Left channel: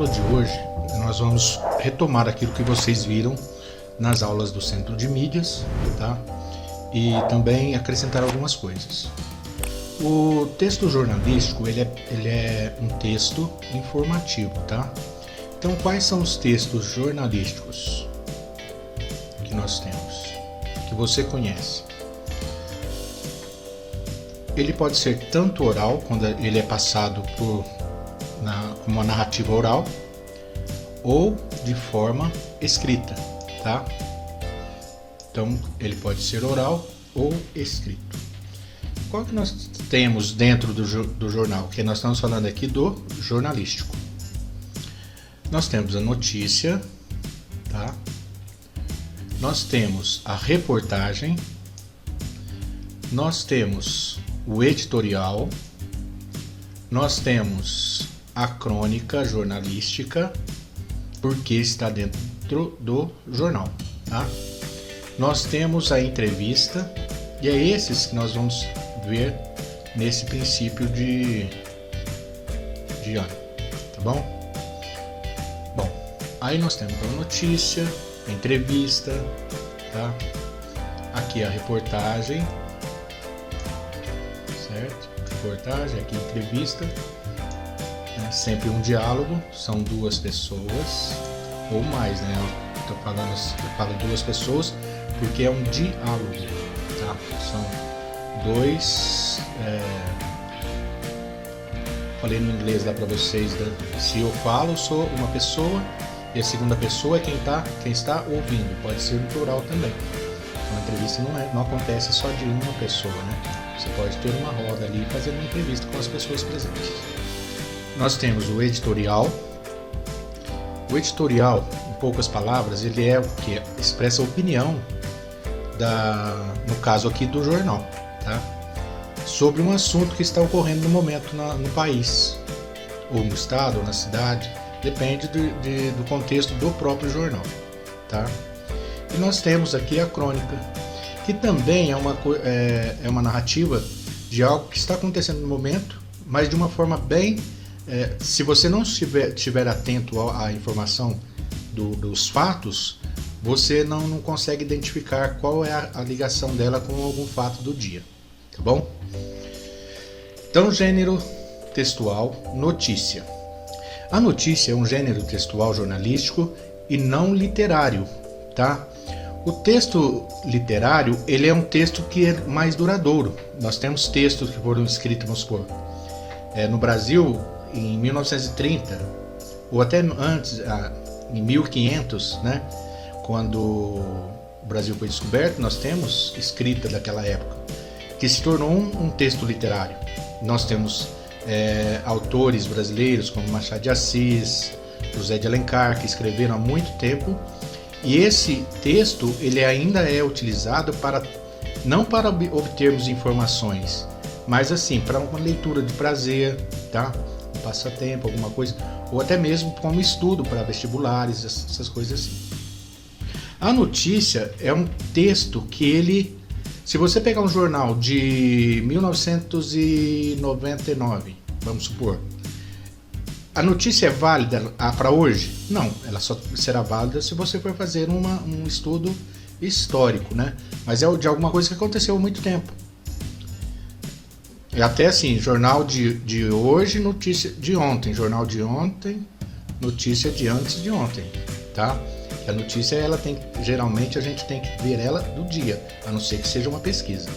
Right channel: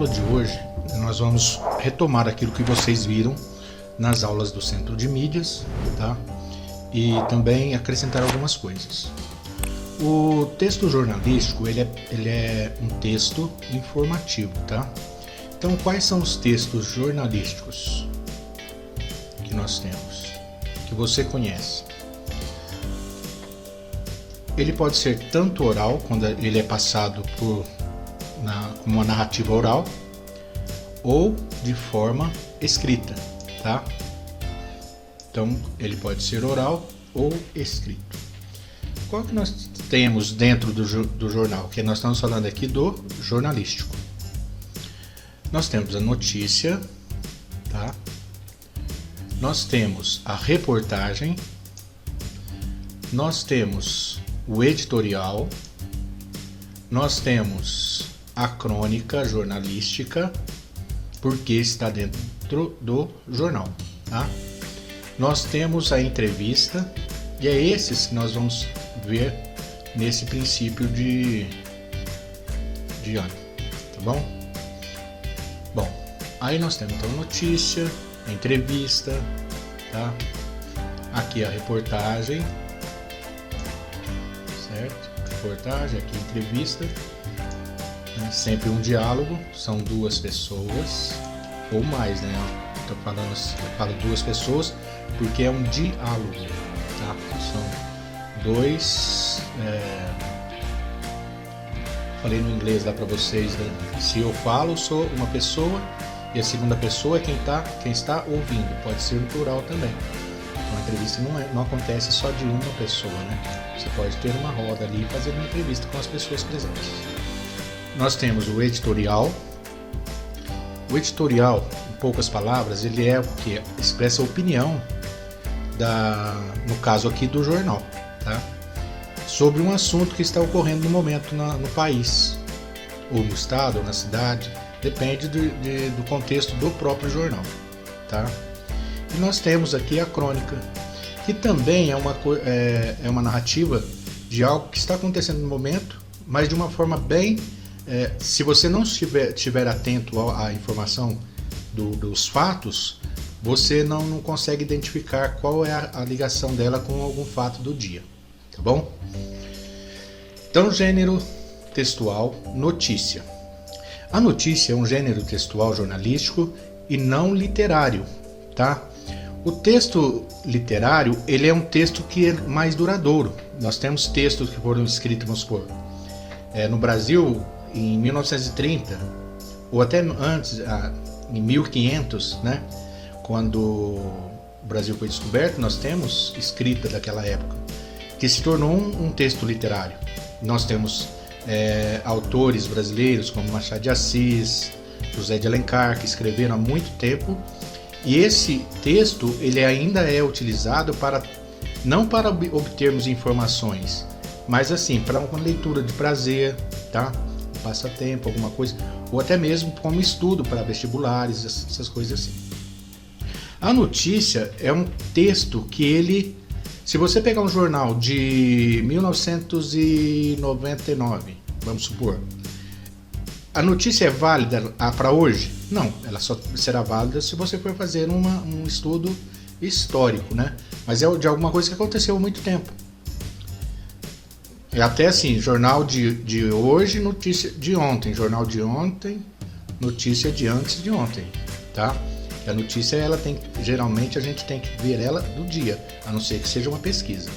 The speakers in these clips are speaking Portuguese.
aula de hoje, nós vamos retomar aquilo que vocês viram nas aulas do Centro de Mídias, tá? E também acrescentar algumas coisas. O texto jornalístico, ele é um texto informativo, tá? Então, quais são os textos jornalísticos que nós temos, que você conhece? Ele pode ser tanto oral, quando ele é passado como uma narrativa oral, ou de forma escrita, tá? Então, ele pode ser oral ou escrito. Qual que nós temos dentro do jornal? Porque nós estamos falando aqui do jornalístico. Nós temos a notícia, tá? Nós temos a reportagem, nós temos o editorial, nós temos a crônica jornalística, porque está dentro do jornal, tá? Nós temos a entrevista, e é esses que nós vamos ver nesse princípio de ano, tá bom? Bom, aí nós temos então a notícia, a entrevista, tá? Aqui a reportagem, certo? Reportagem, aqui a entrevista, sempre um diálogo, são duas pessoas ou mais, né? Eu falo duas pessoas porque é um diálogo, tá? São dois. Falei no inglês lá para vocês, né? Se eu falo, sou uma pessoa e a segunda pessoa é quem está ouvindo. Pode ser no plural também. Uma entrevista não acontece só de uma pessoa, né? Você pode ter uma roda ali e fazer uma entrevista com as pessoas presentes. Nós temos o editorial. O editorial, em poucas palavras, ele é o que expressa a opinião no caso aqui do jornal, tá? Sobre um assunto que está ocorrendo no momento no país, ou no estado, ou na cidade, depende do contexto do próprio jornal, tá? E nós temos aqui a crônica, que também é uma narrativa de algo que está acontecendo no momento, mas de uma forma bem... se você não estiver atento à informação dos fatos, você não consegue identificar qual é a ligação dela com algum fato do dia, tá bom? Então, gênero textual, notícia. A notícia é um gênero textual jornalístico e não literário, tá? O texto literário, ele é um texto que é mais duradouro. Nós temos textos que foram escritos, vamos supor, no Brasil, em 1930, ou até antes, em 1500, né? Quando o Brasil foi descoberto, nós temos escrita daquela época, que se tornou um texto literário. Nós temos autores brasileiros como Machado de Assis, José de Alencar, que escreveram há muito tempo, e esse texto ele ainda é utilizado não para obtermos informações, mas assim, para uma leitura de prazer, tá? Um passatempo, alguma coisa, ou até mesmo como estudo para vestibulares, essas coisas assim. A notícia é um texto que se você pegar um jornal de 1999, vamos supor, a notícia é válida para hoje? Não, ela só será válida se você for fazer um estudo histórico, né? Mas é de alguma coisa que aconteceu há muito tempo. É até assim, jornal de hoje, notícia de ontem, jornal de ontem, notícia de antes de ontem, tá? A notícia, geralmente a gente tem que ver ela do dia, a não ser que seja uma pesquisa.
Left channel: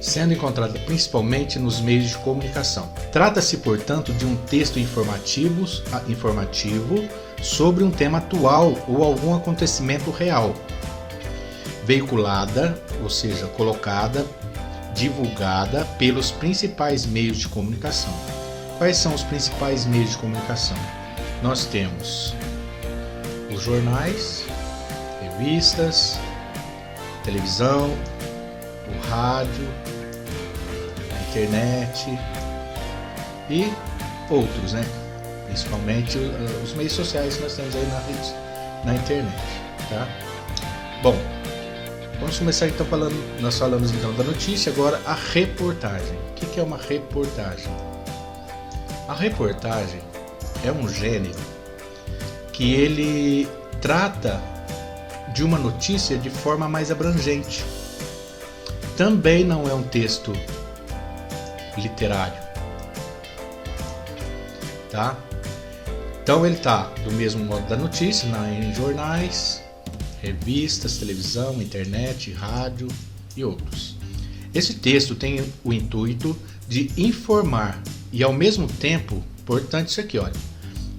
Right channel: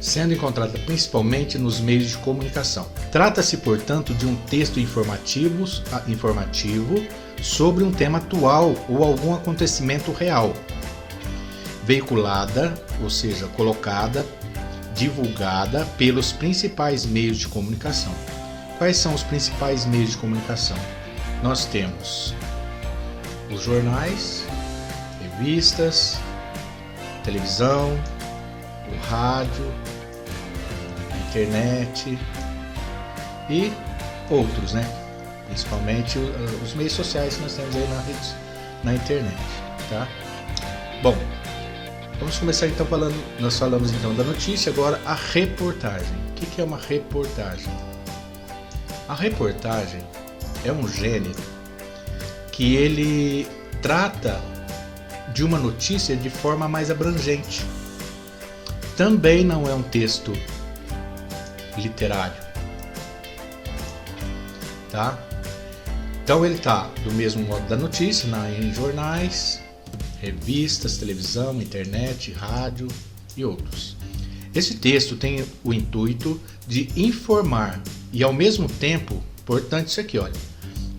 Sendo encontrada principalmente nos meios de comunicação. Trata-se, portanto, de um texto informativo sobre um tema atual ou algum acontecimento real. Veiculada, ou seja, colocada, divulgada pelos principais meios de comunicação. Quais são os principais meios de comunicação? Nós temos os jornais, revistas, televisão, o rádio, internet e outros, né? Principalmente os meios sociais que nós temos aí na internet, tá? Bom, vamos começar então nós falamos então da notícia, agora a reportagem. O que é uma reportagem? A reportagem é um gênero que ele trata de uma notícia de forma mais abrangente. Também não é um texto literário, tá? Então ele tá do mesmo modo da notícia, em jornais, revistas, televisão, internet, rádio e outros. Esse texto tem o intuito de informar e ao mesmo tempo, importante isso aqui, olha,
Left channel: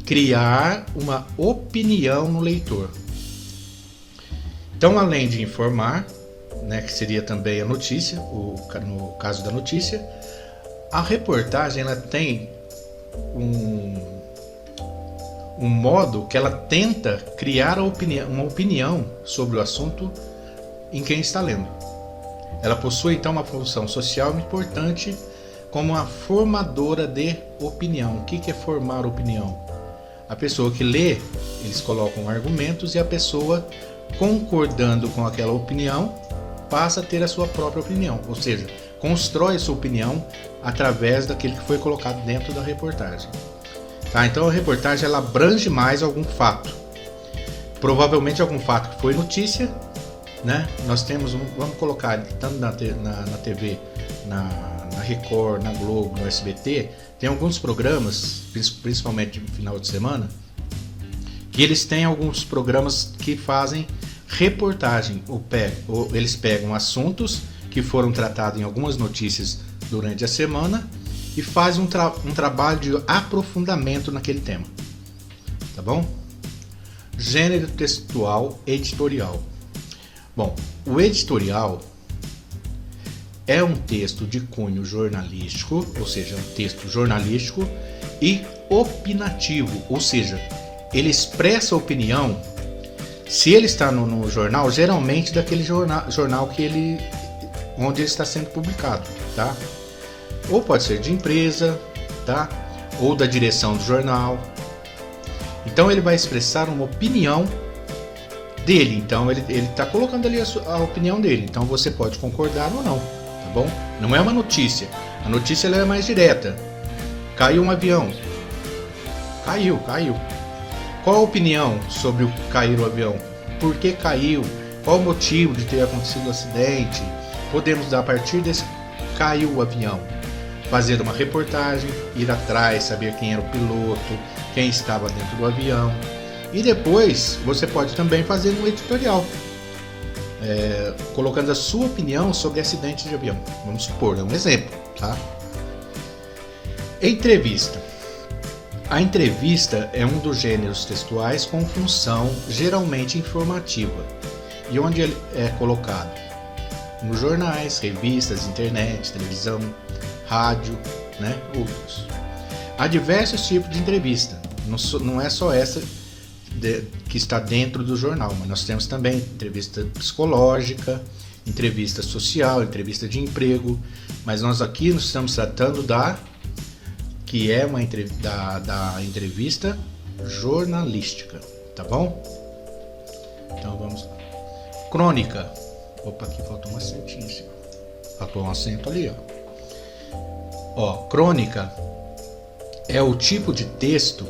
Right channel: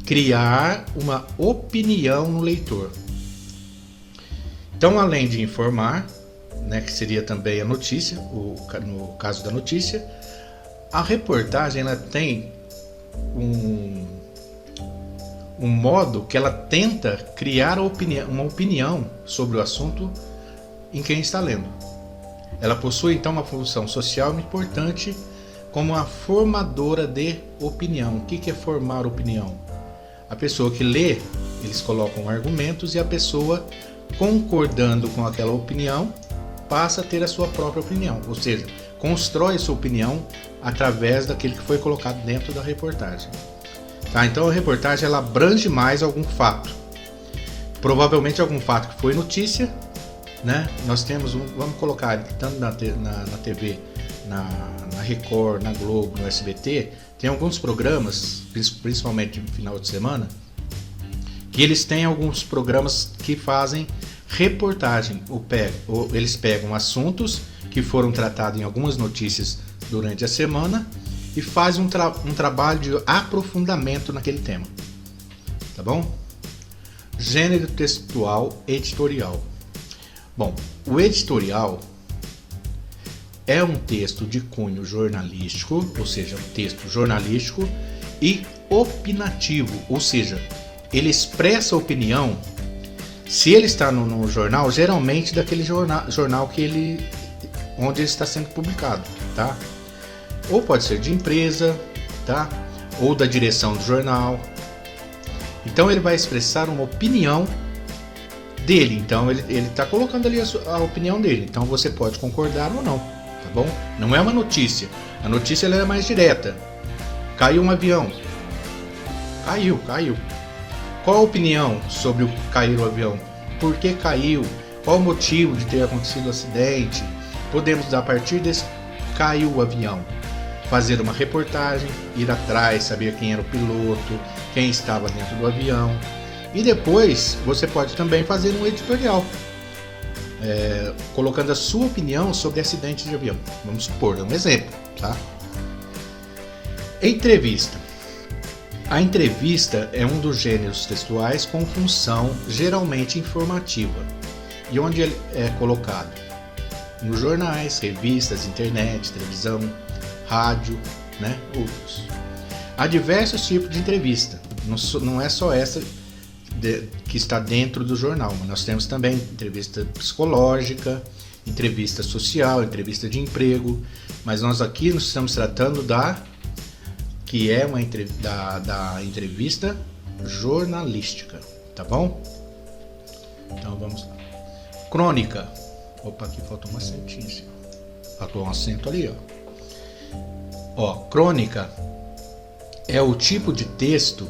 criar uma opinião no leitor. Então, além de informar, né, que seria também a notícia, no caso da notícia, a reportagem ela tem um modo que ela tenta criar uma opinião sobre o assunto em quem está lendo. Ela possui então uma função social muito importante como uma formadora de opinião. O que é formar opinião? A pessoa que lê, eles colocam argumentos e a pessoa, concordando com aquela opinião, passa a ter a sua própria opinião, ou seja, constrói sua opinião através daquele que foi colocado dentro da reportagem. Tá? Então a reportagem ela abrange mais algum fato, provavelmente algum fato que foi notícia, né? Nós temos, vamos colocar tanto na TV, na Record, na Globo, no SBT, tem alguns programas, principalmente no final de semana, que eles têm alguns programas que fazem reportagem, eles pegam assuntos que foram tratados em algumas notícias durante a semana e fazem um trabalho de aprofundamento naquele tema, tá bom? Gênero textual editorial. Bom, o editorial é um texto de cunho jornalístico, ou seja, um texto jornalístico e opinativo, ou seja, ele expressa a opinião. Se ele está no jornal, geralmente daquele jornal onde ele está sendo publicado, tá? Ou pode ser de empresa, tá? Ou da direção do jornal. Então ele vai expressar uma opinião dele. Então ele está colocando ali a opinião dele. Então você pode concordar ou não, tá bom? Não é uma notícia. A notícia ela é mais direta. Caiu um avião. Caiu. Qual a opinião sobre o cair o avião? Por que caiu? Qual o motivo de ter acontecido o acidente? Podemos, a partir desse caiu o avião, fazer uma reportagem, ir atrás, saber quem era o piloto, quem estava dentro do avião. E depois você pode também fazer um editorial, colocando a sua opinião sobre acidentes de avião. Vamos supor, é um exemplo, tá? Entrevista. A entrevista é um dos gêneros textuais com função geralmente informativa e onde ele é colocado nos jornais, revistas, internet, televisão, rádio, né, outros. Há diversos tipos de entrevista, não é só essa que está dentro do jornal, mas nós temos também entrevista psicológica, entrevista social, entrevista de emprego, mas nós aqui nós estamos tratando que é da entrevista jornalística, tá bom? Então vamos lá. Crônica. Opa, aqui faltou um acentinho. Faltou um acento ali, ó. Crônica é o tipo de texto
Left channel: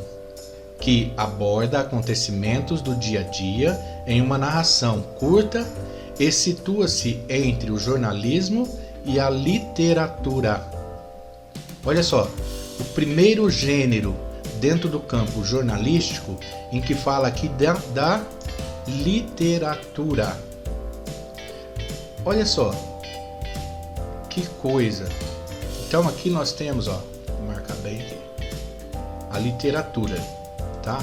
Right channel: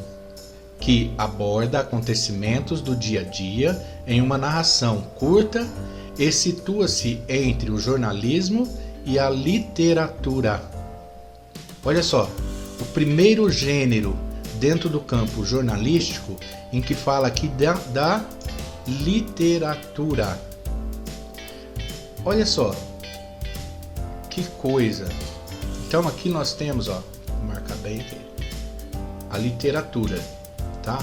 que aborda acontecimentos do dia a dia em uma narração curta e situa-se entre o jornalismo e a literatura. Olha só, o primeiro gênero dentro do campo jornalístico em que fala aqui da literatura. Olha só, que coisa. Então aqui nós temos, vou marcar bem aqui, a literatura, tá?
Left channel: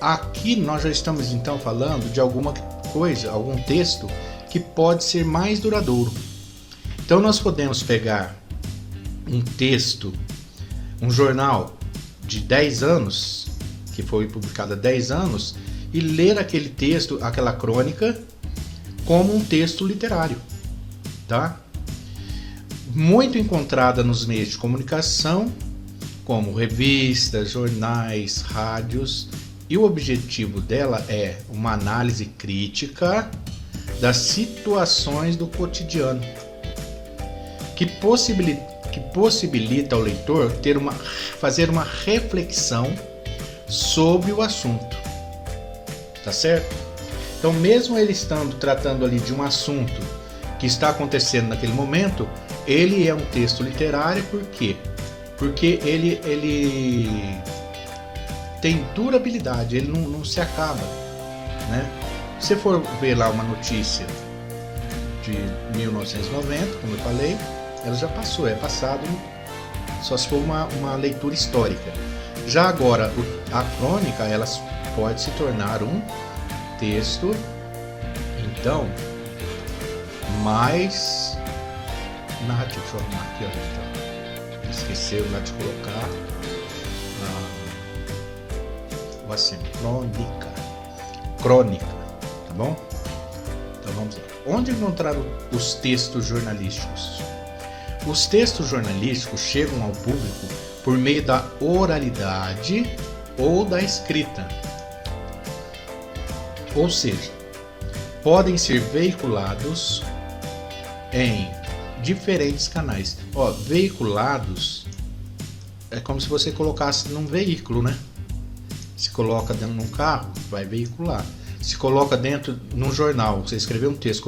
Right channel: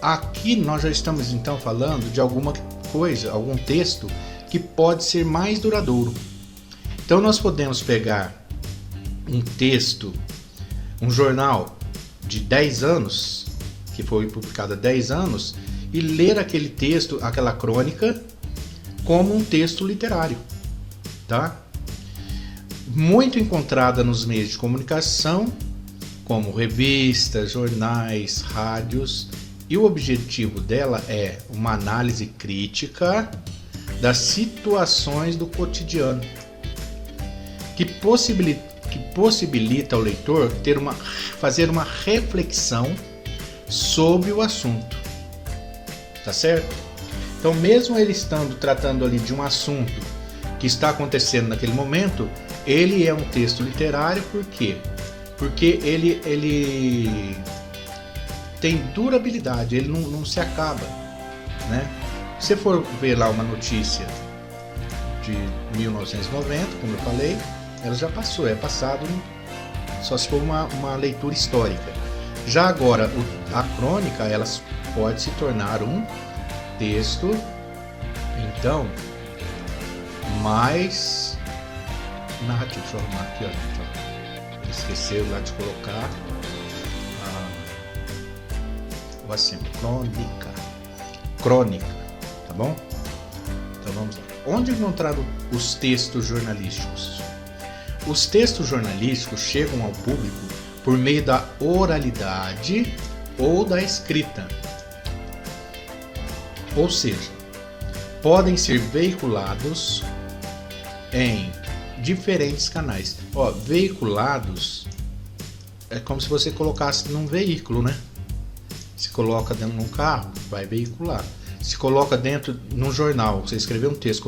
Aqui nós já estamos então falando de alguma coisa, algum texto que pode ser mais duradouro. Então nós podemos pegar um texto, um jornal de 10 anos, que foi publicado há 10 anos, e ler aquele texto, aquela crônica, como um texto literário, tá? Muito encontrada nos meios de comunicação, como revistas, jornais, rádios, e o objetivo dela é uma análise crítica das situações do cotidiano, que que possibilita ao leitor fazer uma reflexão sobre o assunto. Tá certo? Então, mesmo ele estando tratando ali de um assunto que está acontecendo naquele momento, ele é um texto literário. Por quê? Porque ele tem durabilidade, ele não se acaba, né? Se você for ver lá uma notícia de 1990, como eu falei, ela já passou, é passado só se for uma leitura histórica. Já agora, a crônica, ela pode se tornar um texto, então, mais narrativo. Deixa eu arrumar aqui, ó, então. Esqueceu lá de colocar o acento, crônica, tá bom? Então vamos lá. Onde encontrar os textos jornalísticos? Os textos jornalísticos chegam ao público por meio da oralidade ou da escrita. Ou seja, podem ser veiculados em diferentes canais. Ó, veiculados é como se você colocasse num veículo, né? Se coloca dentro de um carro, vai veicular. Se coloca dentro no jornal, você escreveu um texto,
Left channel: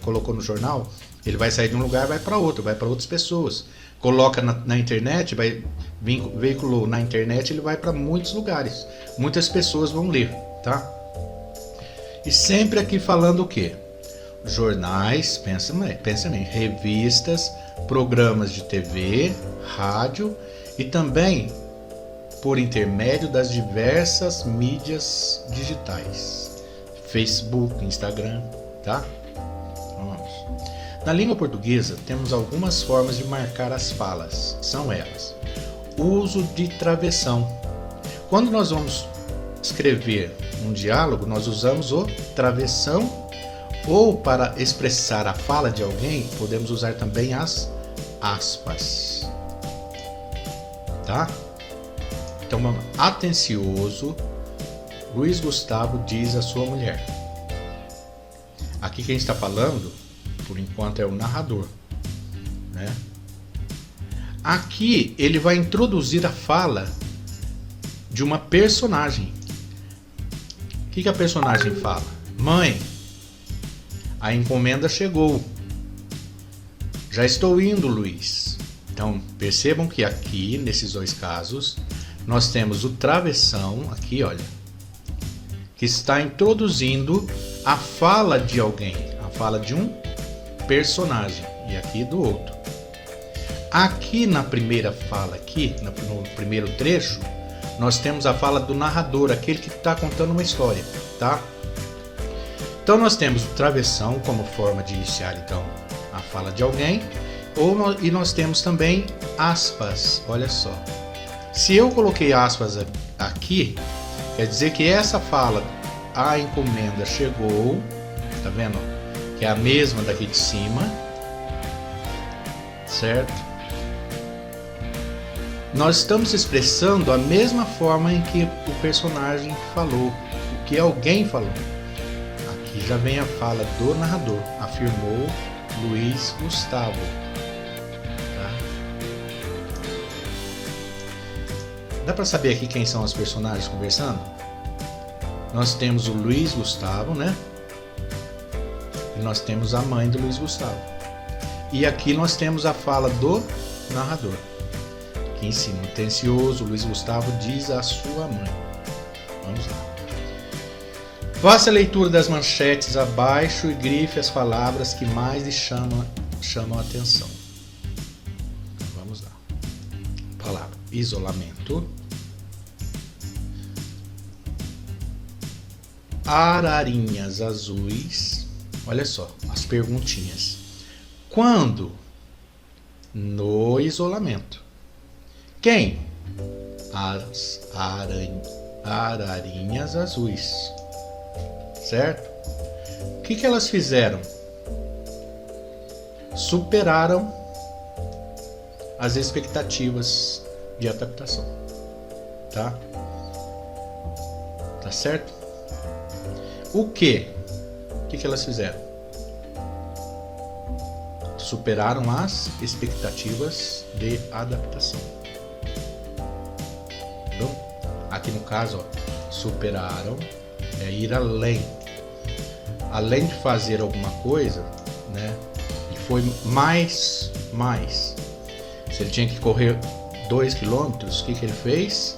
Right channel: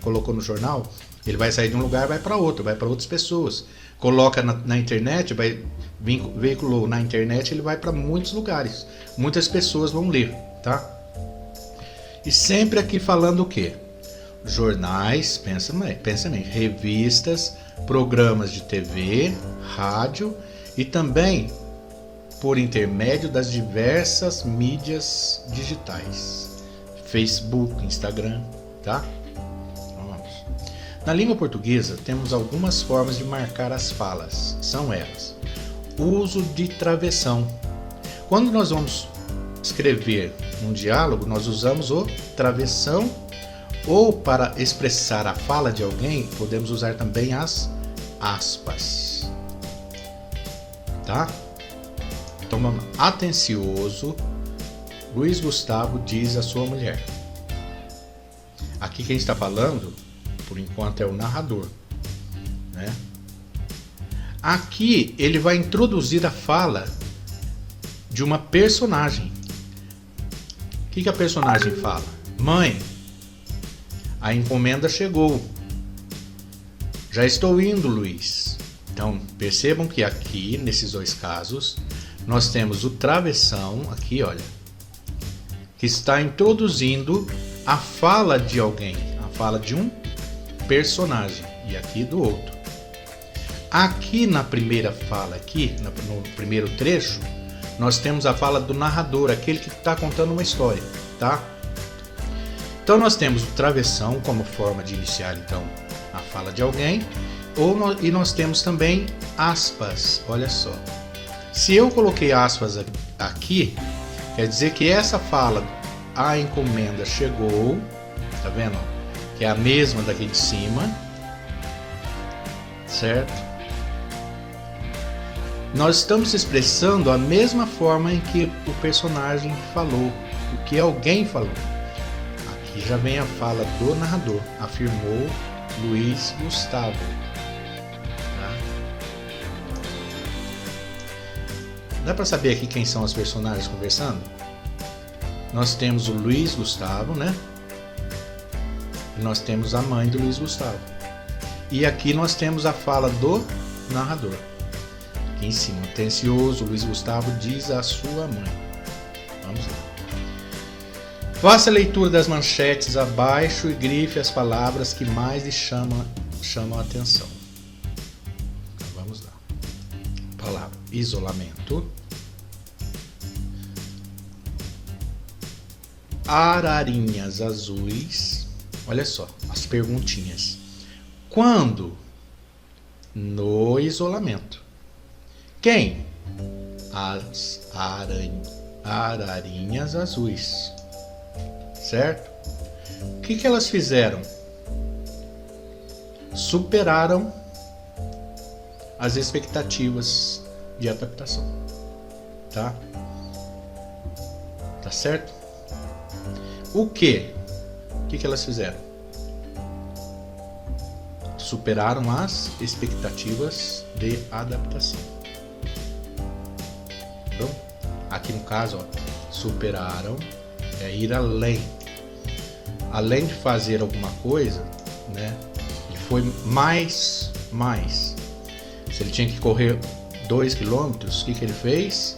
colocou no jornal, ele vai sair de um lugar e vai para outro, vai para outras pessoas. Coloca na internet, veiculou na internet, ele vai para muitos lugares. Muitas pessoas vão ler, tá? E sempre aqui falando o quê? Jornais, pensa bem, revistas, programas de TV, rádio e também por intermédio das diversas mídias digitais. Facebook, Instagram, tá? Vamos. Na língua portuguesa temos algumas formas de marcar as falas. São elas: uso de travessão. Quando nós vamos escrever um diálogo, nós usamos o travessão, ou para expressar a fala de alguém, podemos usar também as aspas. Tá? Então, vamos lá. Atencioso, Luiz Gustavo diz à sua mulher. Aqui quem está falando, por enquanto, é o narrador, né? Aqui ele vai introduzir a fala de uma personagem. O que a personagem fala? Mãe, a encomenda chegou. Já estou indo, Luiz. Então, percebam que aqui, nesses dois casos, nós temos o travessão, aqui, olha, que está introduzindo a fala de alguém, a fala de um personagem, e aqui do outro. Aqui na primeira fala, aqui no primeiro trecho, nós temos a fala do narrador, aquele que está contando uma história, tá? Então nós temos o travessão como forma de iniciar então a fala de alguém, e nós temos também aspas. Olha só, se eu coloquei aspas aqui, quer dizer que essa fala, a encomenda chegou, tá vendo? Que é a mesma daqui de cima, certo? Nós estamos expressando a mesma forma em que o personagem falou, o que alguém falou. Aqui já vem a fala do narrador, afirmou Luiz Gustavo. Dá para saber aqui quem são os personagens conversando? Nós temos o Luiz Gustavo, né? E nós temos a mãe do Luiz Gustavo. E aqui nós temos a fala do narrador. Aqui em cima, atencioso, Luiz Gustavo diz à sua mãe. Vamos lá. Faça a leitura das manchetes abaixo e grife as palavras que mais lhe chamam a atenção. Vamos lá. Palavra: isolamento. Ararinhas azuis. Olha só, as perguntinhas. Quando? No isolamento. Quem? As ararinhas azuis. Certo? O que elas fizeram? Superaram as expectativas de adaptação. Tá? Tá certo? O que? O que elas fizeram? superaram as expectativas de adaptação. Então, aqui no caso, ó, superaram é ir além. Além de fazer alguma coisa, né? E foi mais. Se ele tinha que correr 2 km, o que ele fez?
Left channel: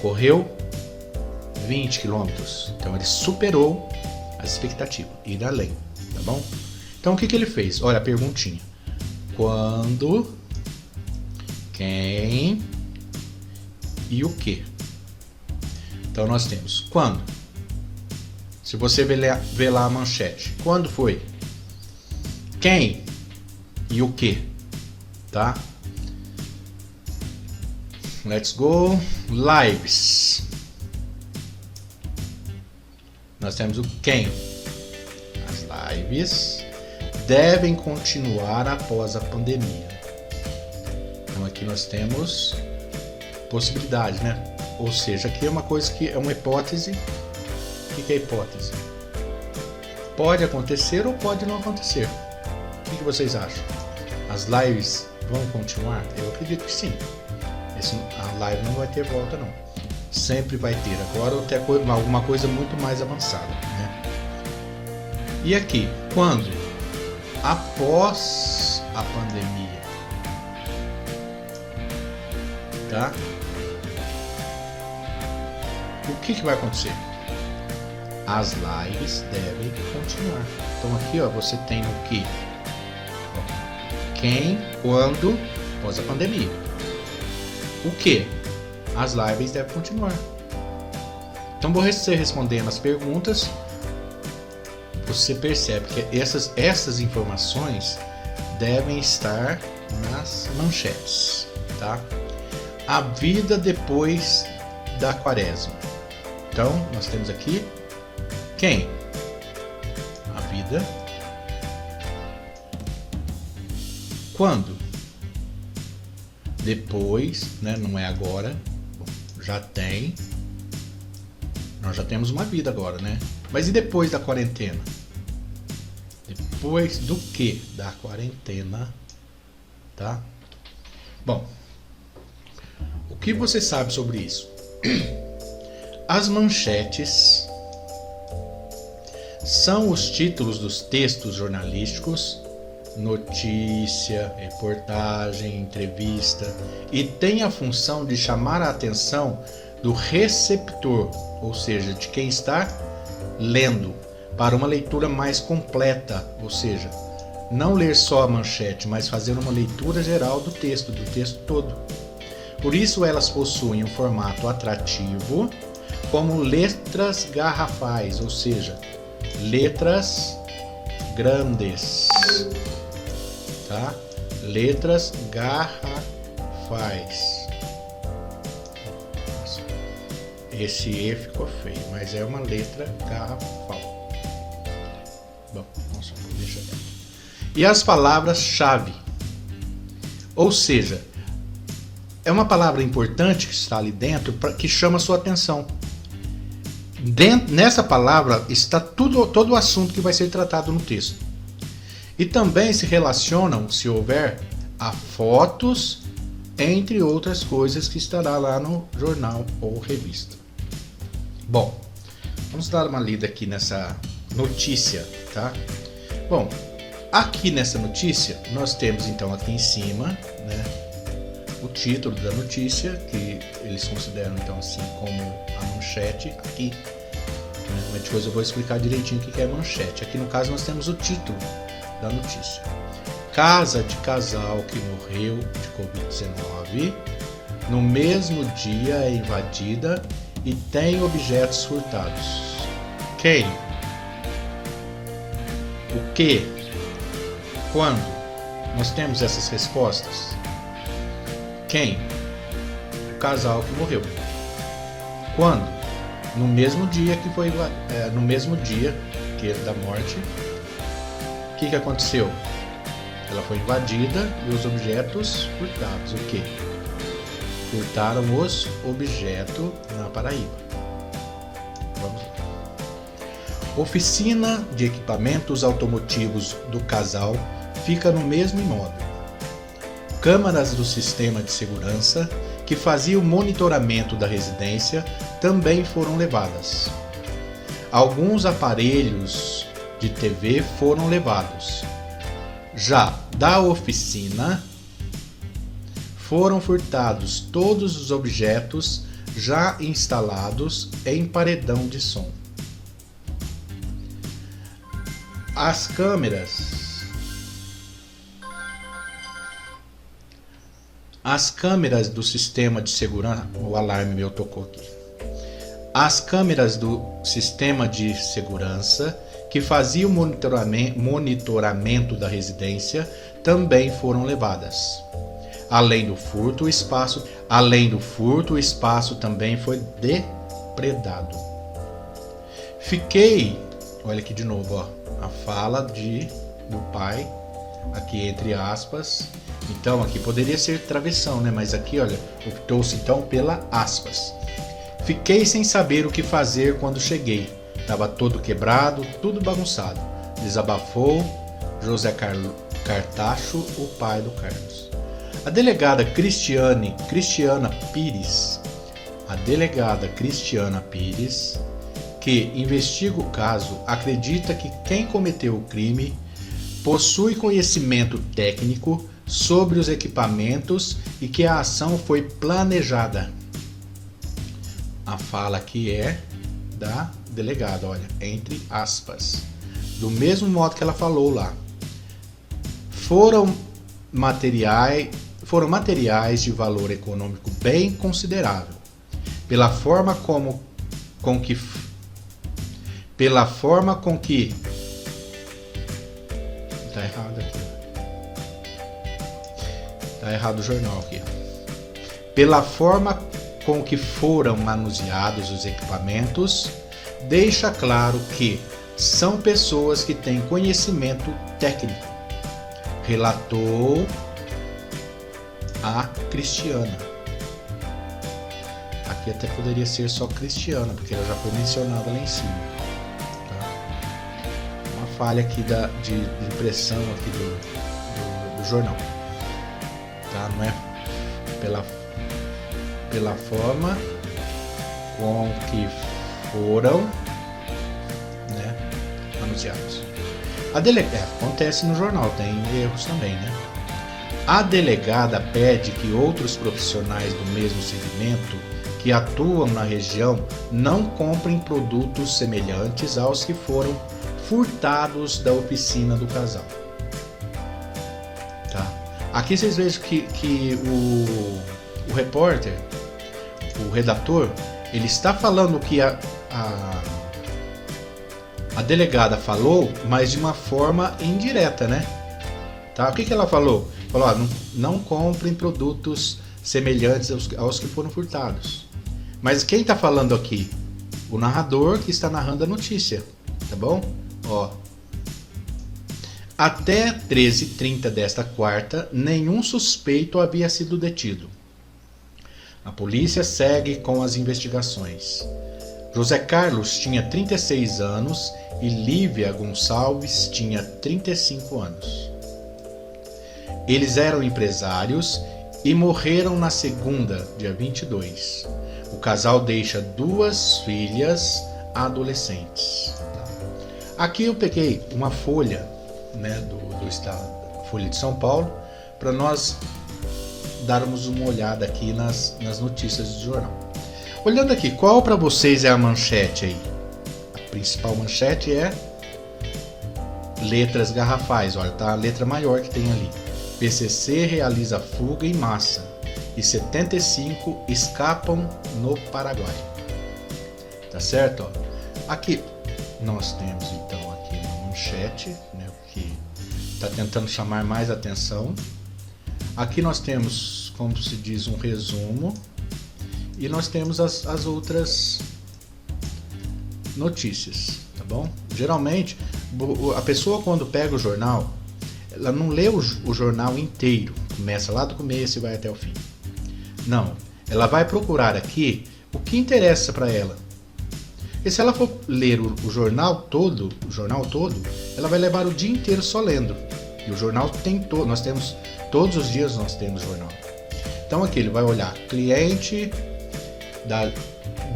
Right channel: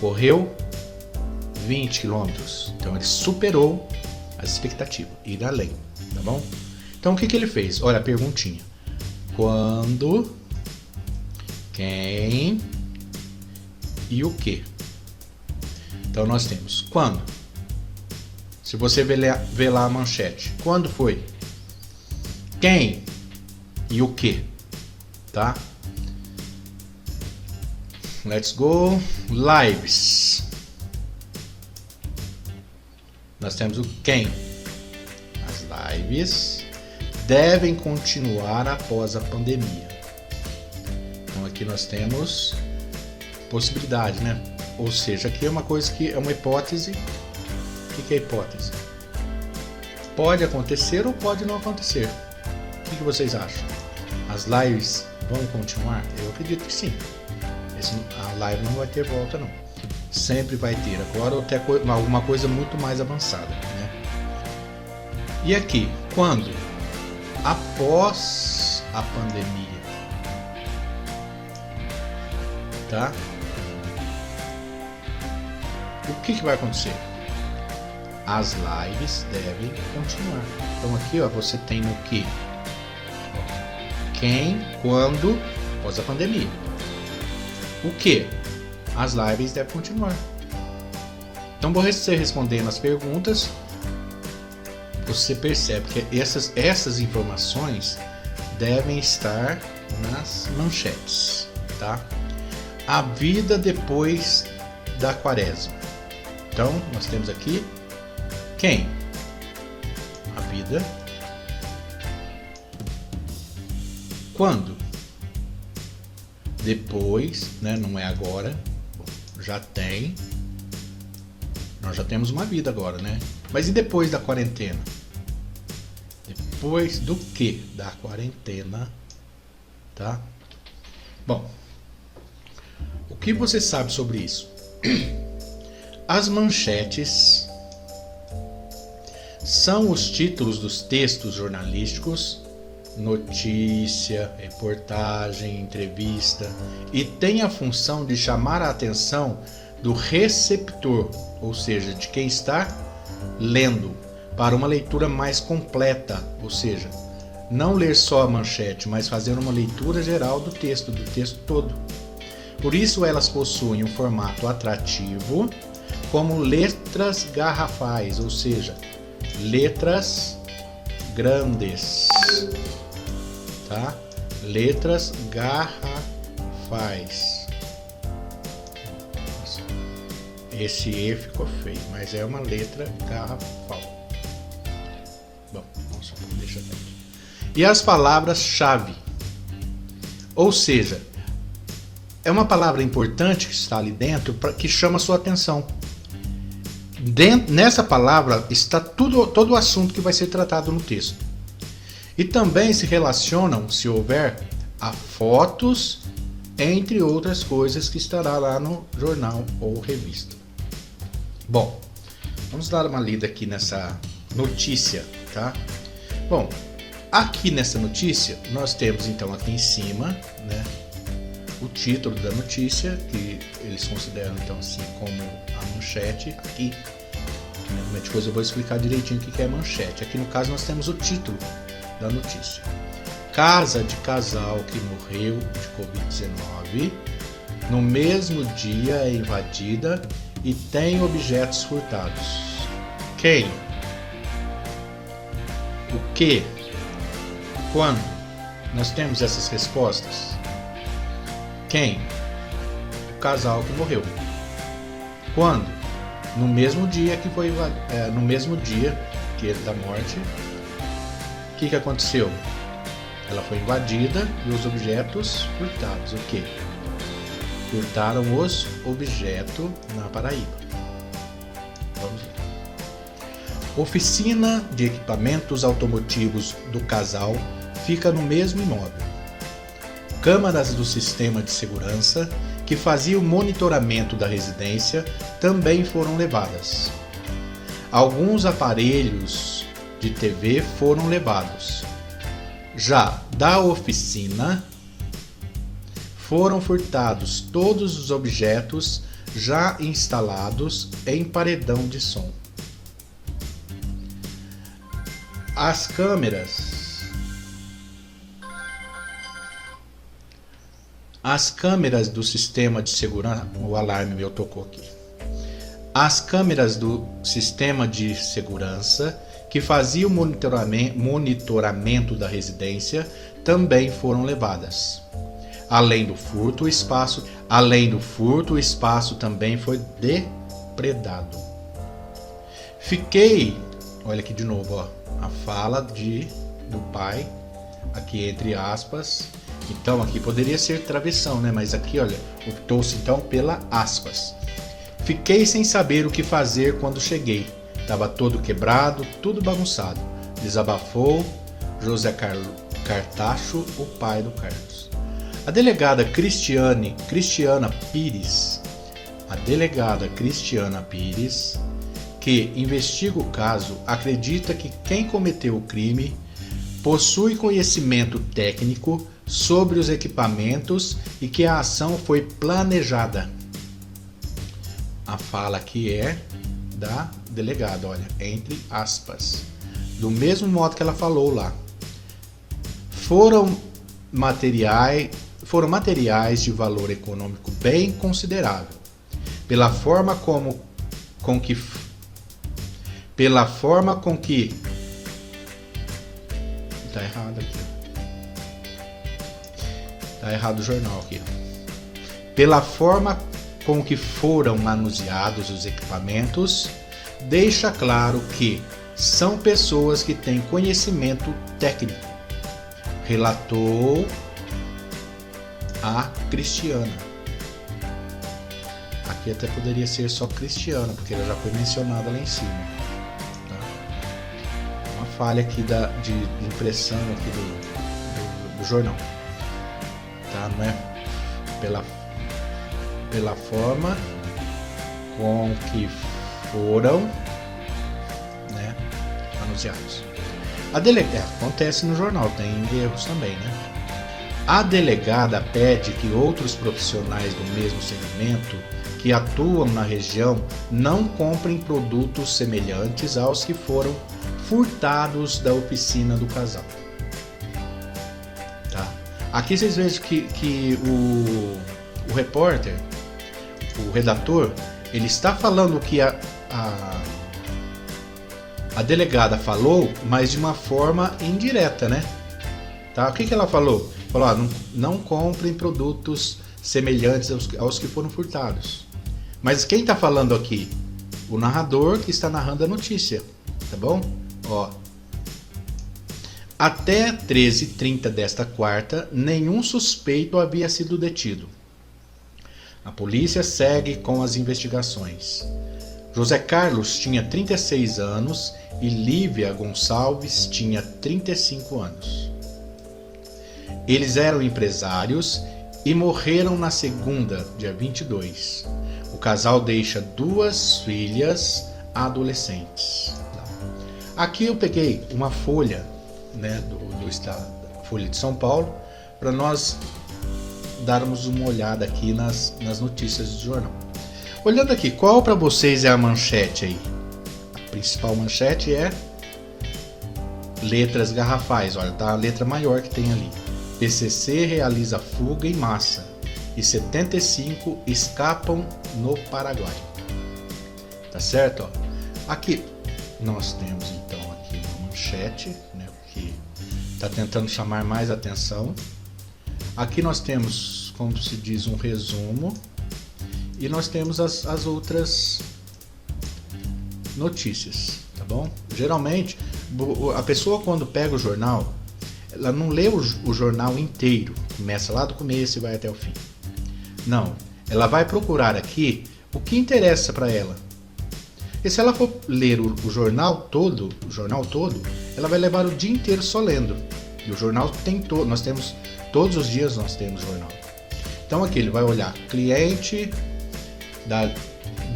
Correu 20 km. Então ele superou a expectativa, ir além, tá bom? Então o que ele fez? Olha a perguntinha. Quando, quem e o que? Então nós temos quando. Se você ver lá a manchete, quando foi? Quem e o que? Tá? Let's go. Lives. Nós temos o quem. As lives devem continuar após a pandemia. Então aqui nós temos possibilidade, né? Ou seja, aqui é uma coisa que é uma hipótese. O que é hipótese? Pode acontecer ou pode não acontecer. O que vocês acham? As lives vão continuar? Eu acredito que sim. A live não vai ter volta não. Sempre vai ter. Agora até alguma coisa muito mais avançada, né? E aqui, quando? Após a pandemia. Tá? O que vai acontecer? As lives devem continuar. Então aqui, ó, você tem o que? Quem, quando, após a pandemia. O que? As lives devem continuar. Então, você respondendo as perguntas, você percebe que essas informações devem estar nas manchetes, tá? A vida depois da quaresma. Então, nós temos aqui quem? A vida. Quando? Depois, né? Não é agora. Já tem. Nós já temos uma vida agora, né? Mas e depois da quarentena? Depois do que da quarentena? Tá? Bom, o que você sabe sobre isso? As manchetes são os títulos dos textos jornalísticos, notícia, reportagem, entrevista, e tem a função de chamar a atenção do receptor, ou seja, de quem está lendo, para uma leitura mais completa, ou seja, não ler só a manchete, mas fazer uma leitura geral do texto todo. Por isso elas possuem um formato atrativo, como letras garrafais, ou seja, letras grandes, tá? Letras garrafais. Esse E ficou feio, mas é uma letra garrafal. Bom, vamos deixar. E as palavras-chave, ou seja, é uma palavra importante que está ali dentro que chama a sua atenção. Nessa palavra está todo o assunto que vai ser tratado no texto. E também se relacionam, se houver, a fotos, entre outras coisas que estará lá no jornal ou revista. Bom, vamos dar uma lida aqui nessa notícia, tá? Bom, aqui nessa notícia nós temos então aqui em cima, né, o título da notícia, que eles consideram então assim como a manchete aqui. Depois eu vou explicar direitinho o que é manchete. Aqui no caso nós temos o título da notícia. Casa de casal que morreu de Covid-19 no mesmo dia é invadida e tem objetos furtados. Quem? O que? Quando? Nós temos essas respostas. Quem? O casal que morreu. Quando? No mesmo dia que foi no mesmo dia que da morte. O que aconteceu? Ela foi invadida e os objetos furtados. O que? Furtaram os objetos na Paraíba. Vamos ver. Oficina de equipamentos automotivos do casal fica no mesmo imóvel. Câmaras do sistema de segurança que faziam o monitoramento da residência também foram levadas. Alguns aparelhos de TV foram levados. Já da oficina, foram furtados todos os objetos já instalados em paredão de som. As câmeras do sistema de segurança, o alarme meu tocou aqui. As câmeras do sistema de segurança que faziam o monitoramento da residência também foram levadas. Além do furto, o espaço também foi depredado. Olha aqui de novo, ó, a fala do pai, aqui entre aspas. Então aqui poderia ser travessão, né? Mas aqui, olha, optou-se então pela aspas. Fiquei sem saber o que fazer quando cheguei. Estava todo quebrado, tudo bagunçado. Desabafou José Cartacho, o pai do Carlos. A delegada Cristiana Pires, que investiga o caso, acredita que quem cometeu o crime possui conhecimento técnico sobre os equipamentos e que a ação foi planejada. A fala aqui é da delegada, olha, entre aspas. Do mesmo modo que ela falou lá. Foram materiais de valor econômico bem considerável. Pela forma com que tá errado aqui. Tá errado o jornal aqui. Pela forma com que foram manuseados os equipamentos, deixa claro que são pessoas que têm conhecimento técnico, relatou a Cristiana. Aqui até poderia ser só Cristiana, porque ela já foi mencionada lá em cima. Tá? Uma falha aqui de impressão aqui do jornal. Tá? Não é pela forma com que foram, né, anunciados. Acontece no jornal, tem erros também, né? A delegada pede que outros profissionais do mesmo segmento que atuam na região não comprem produtos semelhantes aos que foram furtados da oficina do casal. Tá? Aqui vocês vejam que o repórter, o redator, ele está falando que a delegada falou, mas de uma forma indireta, né? Tá? O que ela falou? Falou, não comprem produtos semelhantes aos que foram furtados. Mas quem está falando aqui? O narrador que está narrando a notícia, tá bom? Ó. Até 13h30 desta quarta, nenhum suspeito havia sido detido. A polícia segue com as investigações. José Carlos tinha 36 anos e Lívia Gonçalves tinha 35 anos. Eles eram empresários e morreram na segunda, dia 22. O casal deixa 2 filhas adolescentes. Aqui eu peguei uma folha, né, do estado, Folha de São Paulo, para nós darmos uma olhada aqui nas notícias do jornal. Olhando aqui, qual para vocês é a manchete aí? A principal manchete é letras garrafais, olha, tá a letra maior que tem ali. PCC realiza fuga em massa e 75 escapam no Paraguai. Tá certo? Ó. Aqui nós temos então aqui uma manchete, né, que está tentando chamar mais atenção. Aqui nós temos, como se diz, um resumo e nós temos as outras notícias, tá bom? Geralmente a pessoa quando pega o jornal, ela não lê o jornal inteiro, começa lá do começo e vai até o fim. Não, ela vai procurar aqui o que interessa para ela. E se ela for ler o jornal todo, ela vai levar o dia inteiro só lendo. E o jornal tem tudo, nós temos, todos os dias nós temos jornal. Então aqui ele vai olhar cliente da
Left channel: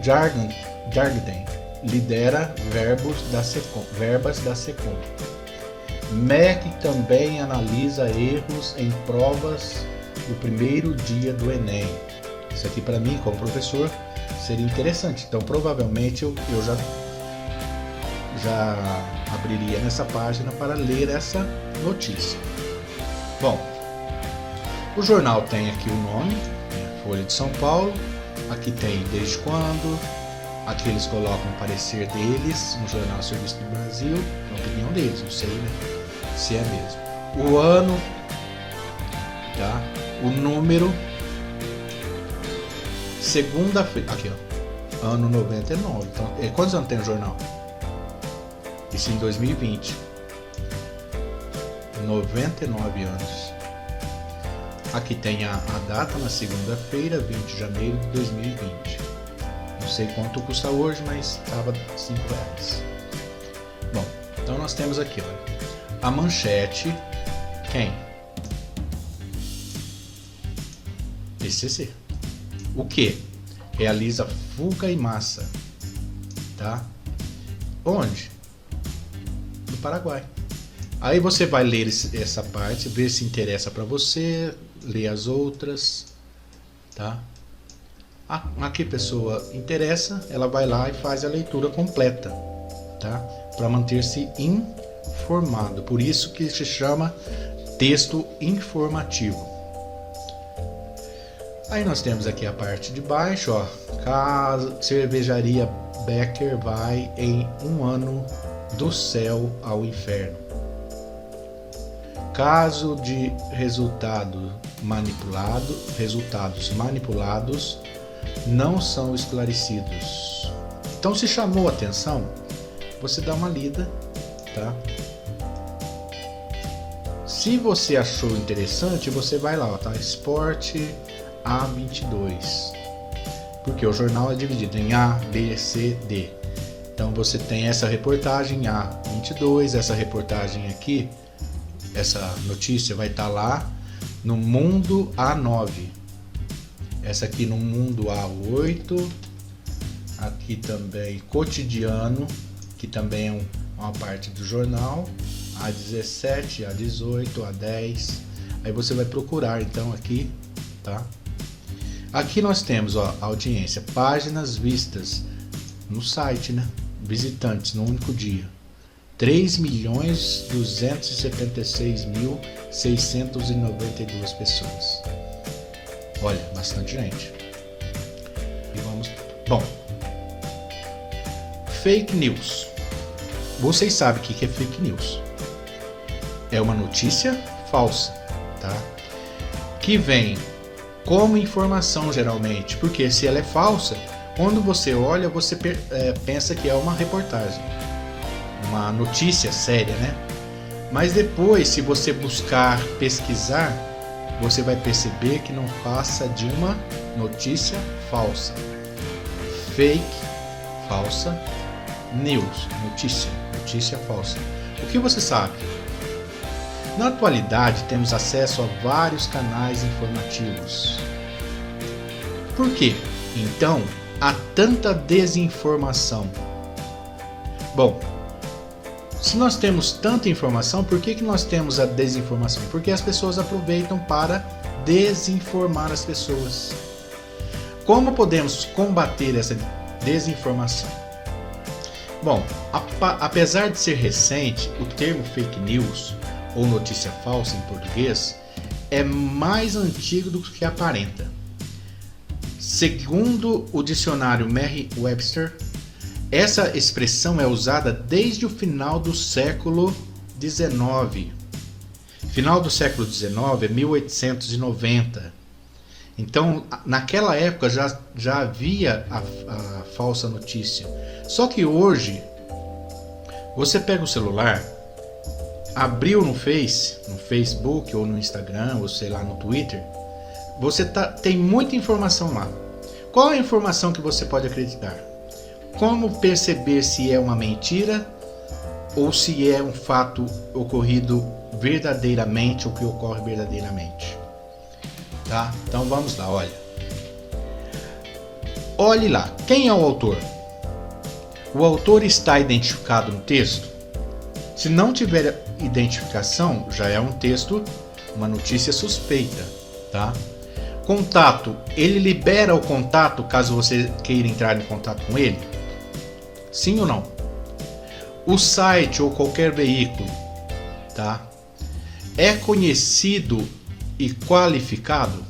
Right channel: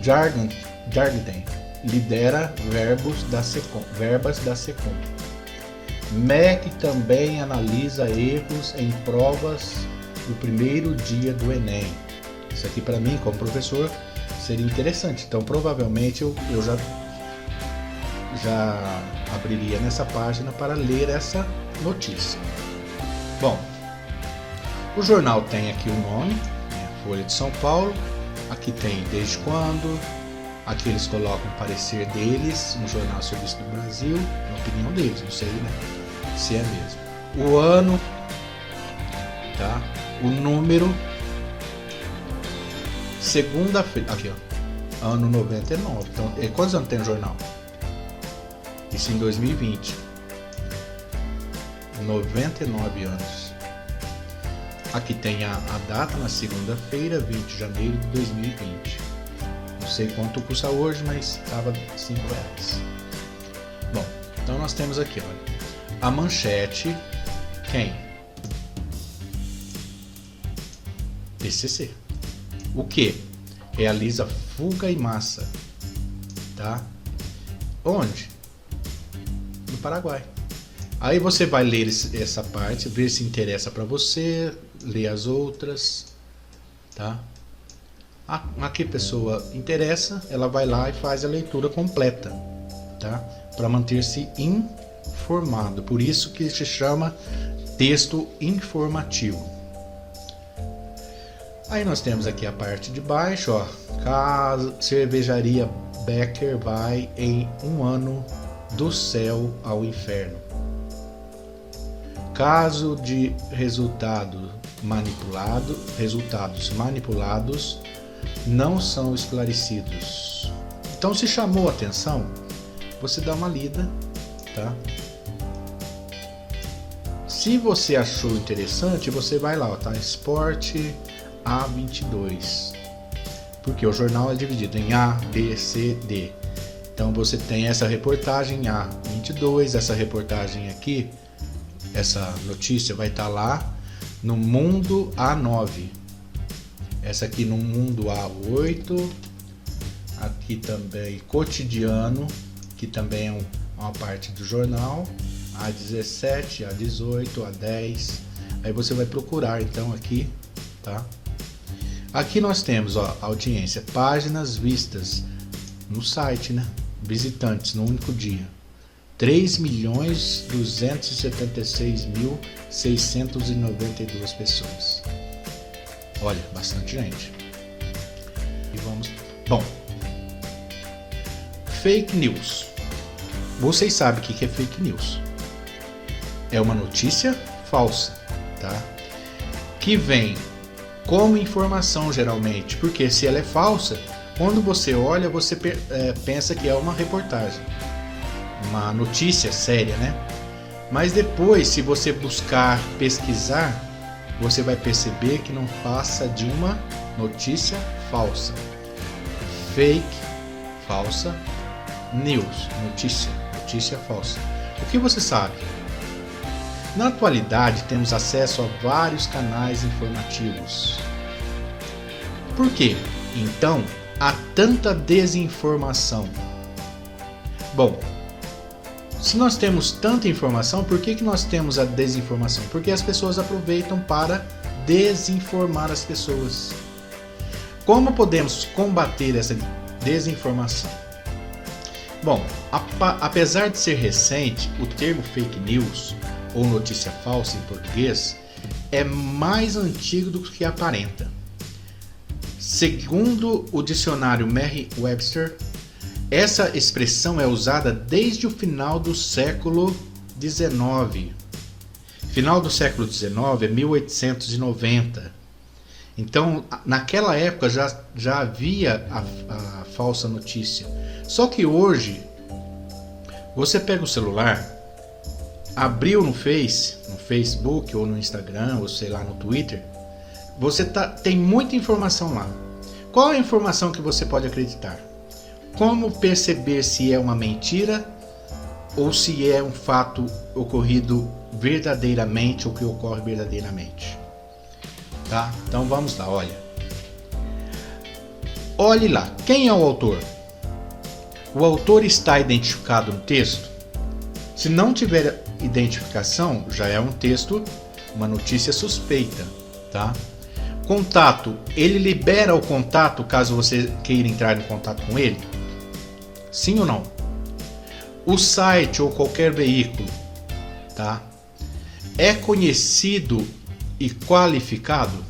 Jarden lidera verbas da Secom. MEC também analisa erros em provas no primeiro dia do Enem. Isso aqui para mim, como professor, seria interessante. Então provavelmente eu já abriria nessa página para ler essa notícia. Bom, o jornal tem aqui um nome, Folha de São Paulo. Aqui tem desde quando. Aqui eles colocam o parecer deles no Jornal Serviço do Brasil, a opinião deles, não sei, né? Se é mesmo. O ano, tá? O número, segunda-feira, aqui ó, ano 99. Então, quantos anos tem o jornal? Isso em 2020. 99 anos. Aqui tem a data na segunda-feira, 20 de janeiro de 2020. Não sei quanto custa hoje, mas estava R$5. Bom, então nós temos aqui ó, a manchete. Quem? PCC. O que? Realiza fuga em massa. Tá? Onde? No Paraguai. Aí você vai ler essa parte, ver se interessa para você, ler as outras, tá? A que pessoa interessa, ela vai lá e faz a leitura completa, tá? Para manter-se informado. Por isso que se chama texto informativo. Aí nós temos aqui a parte de baixo, ó. Cervejaria Becker vai em um ano do céu ao inferno. Caso de resultados manipulados não são esclarecidos. Então, se chamou a atenção, você dá uma lida, tá? Se você achou interessante, você vai lá, ó, tá? Esporte A22. Porque o jornal é dividido em A, B, C, D. Então você tem essa reportagem A22, essa reportagem aqui, essa notícia vai estar lá no Mundo A9. Essa aqui no Mundo A8. Aqui também Cotidiano, que também é uma parte do jornal. A17, A18, A10. Aí você vai procurar então aqui, tá? Aqui nós temos, ó, audiência, páginas vistas no site, né? Visitantes no único dia. 3.276.692 pessoas. Olha, bastante gente. E vamos... Bom, fake news. Vocês sabem o que é fake news? É uma notícia falsa, tá? Que vem como informação geralmente, porque se ela é falsa, quando você olha, você pensa que é uma reportagem, uma notícia séria, né? Mas depois, se você buscar pesquisar, você vai perceber que não passa de uma notícia falsa. Fake, falsa, news, notícia falsa. O que você sabe? Na atualidade, temos acesso a vários canais informativos. Por quê? Então, há tanta desinformação. Bom, se nós temos tanta informação, por que nós temos a desinformação? Porque as pessoas aproveitam para desinformar as pessoas. Como podemos combater essa desinformação? Bom, apesar de ser recente, o termo fake news, ou notícia falsa em português, é mais antigo do que aparenta. Segundo o dicionário Merriam-Webster, essa expressão é usada desde o final do século XIX. Final do século XIX é 1890. Então, naquela época já havia a falsa notícia. Só que hoje, você pega o celular, abriu no Facebook ou no Instagram, ou sei lá, no Twitter, tem muita informação lá. Qual é a informação que você pode acreditar? Como perceber se é uma mentira ou se é um fato ocorrido verdadeiramente o que ocorre verdadeiramente. Tá? Então vamos lá, olha. Olhe lá, quem é o autor? O autor está identificado no texto? Se não tiver identificação, já é um texto, uma notícia suspeita, tá? Contato, ele libera o contato caso você queira entrar em contato com ele? Sim ou não? O site ou qualquer veículo, tá? É conhecido e qualificado?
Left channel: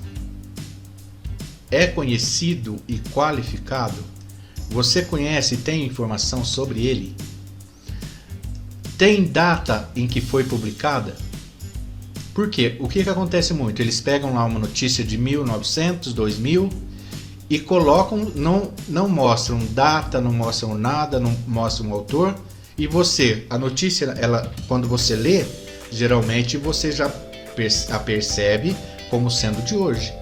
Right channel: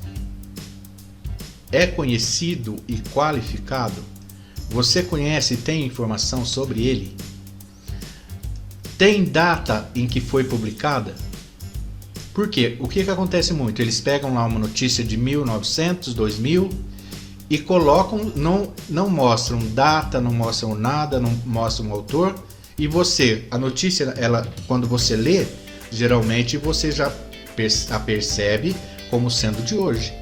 É conhecido e qualificado? Você conhece e tem informação sobre ele? Tem data em que foi publicada? Por quê? O que acontece muito? Eles pegam lá uma notícia de 1900, 2000 e colocam, não mostram data, não mostram nada, não mostram o autor. E você, a notícia, ela, quando você lê, geralmente você já a percebe como sendo de hoje.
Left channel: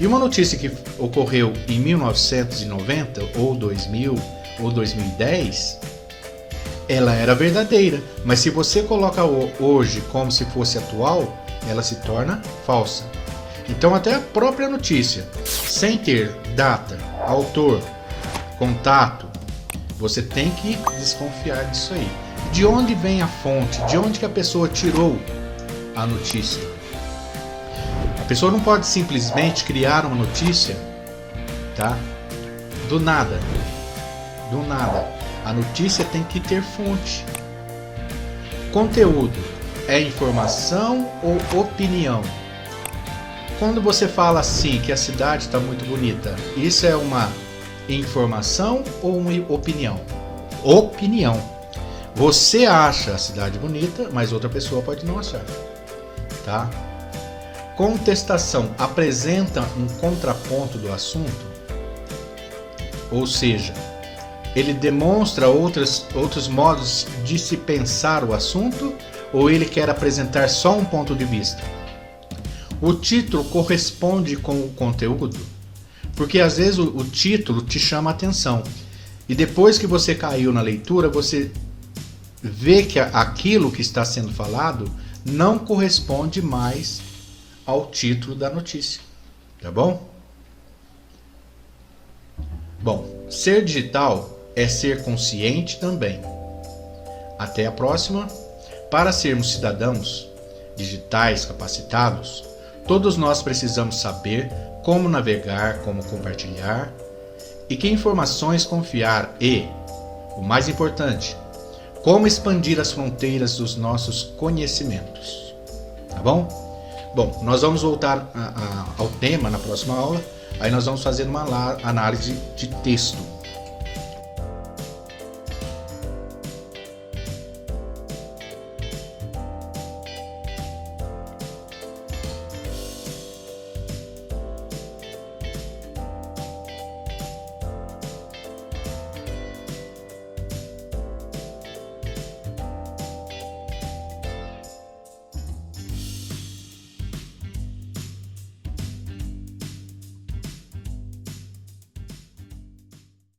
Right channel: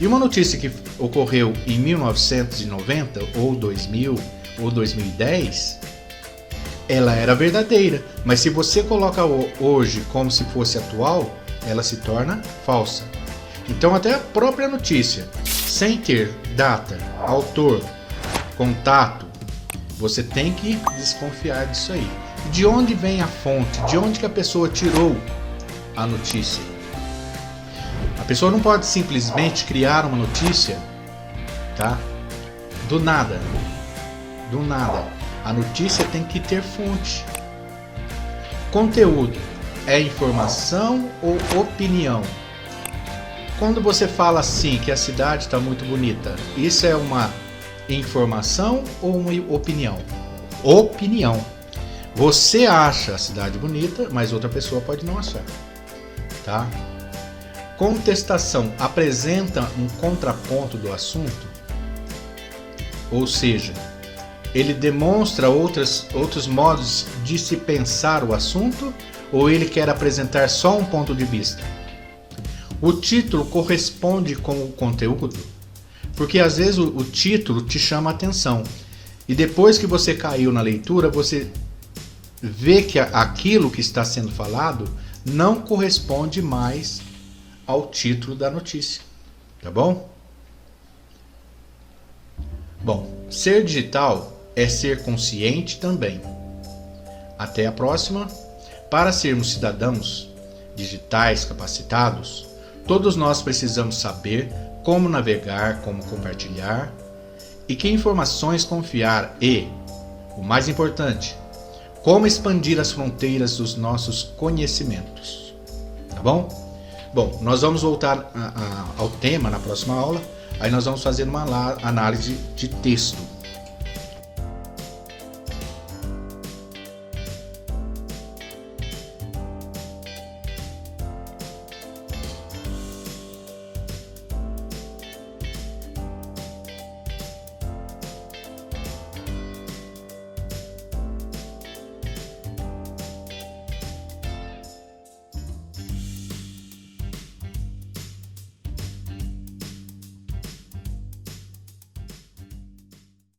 E uma notícia que ocorreu em 1990, ou 2000, ou 2010, ela era verdadeira. Mas se você coloca hoje como se fosse atual, ela se torna falsa. Então até a própria notícia, sem ter data, autor, contato, você tem que desconfiar disso aí. De onde vem a fonte? De onde que a pessoa tirou a notícia? A pessoa não pode simplesmente criar uma notícia, tá? Do nada. Do nada. A notícia tem que ter fonte. Conteúdo é informação ou opinião? Quando você fala assim que a cidade está muito bonita, isso é uma informação ou uma opinião? Opinião. Você acha a cidade bonita, mas outra pessoa pode não achar, tá? Contestação apresenta um contraponto do assunto, ou seja, ele demonstra outros modos de se pensar o assunto, ou ele quer apresentar só um ponto de vista? O título corresponde com o conteúdo, porque às vezes o título te chama a atenção e depois que você caiu na leitura, você vê que aquilo que está sendo falado não corresponde mais ao título da notícia, tá bom? Bom, ser digital é ser consciente também. Até a próxima. Para sermos cidadãos digitais capacitados, todos nós precisamos saber como navegar, como compartilhar e que informações confiar e, o mais importante, como expandir as fronteiras dos nossos conhecimentos. Tá bom? Bom, nós vamos voltar ao tema na próxima aula. Aí nós vamos fazer uma análise de texto.